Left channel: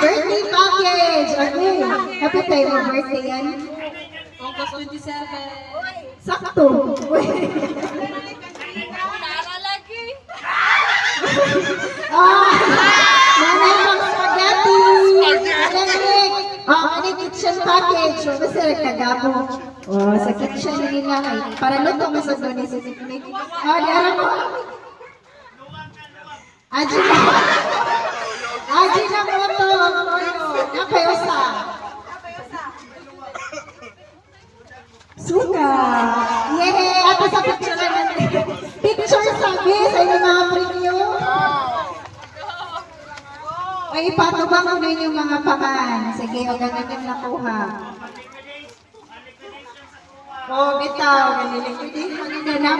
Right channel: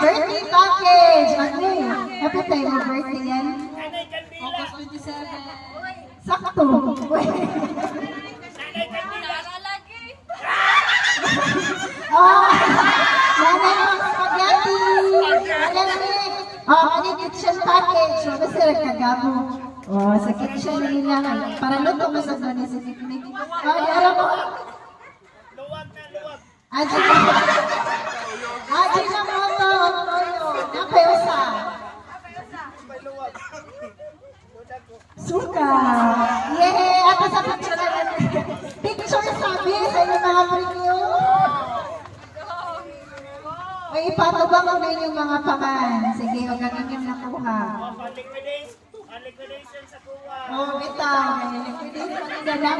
birthday package. Ano happy tayo mo birthday yan? August 27. Sakto. Ah, nanay pang spaghetti. Alanik. Oh, ano kitchen package? So, basta kagabo. Oh, sa kitchen nila kay para luto masag doon sa picnic. Oh, di aram mo. Aji na. Aji na mo to. Yung payosa. Suka. Yay! Ato sa picture naman. Picture sabi sa inyong mga preview. Ay, ipatubang ko na yung mga pangan. Sige, o ganun yung nakuha. Oh, bitaw. May liquidation na lang.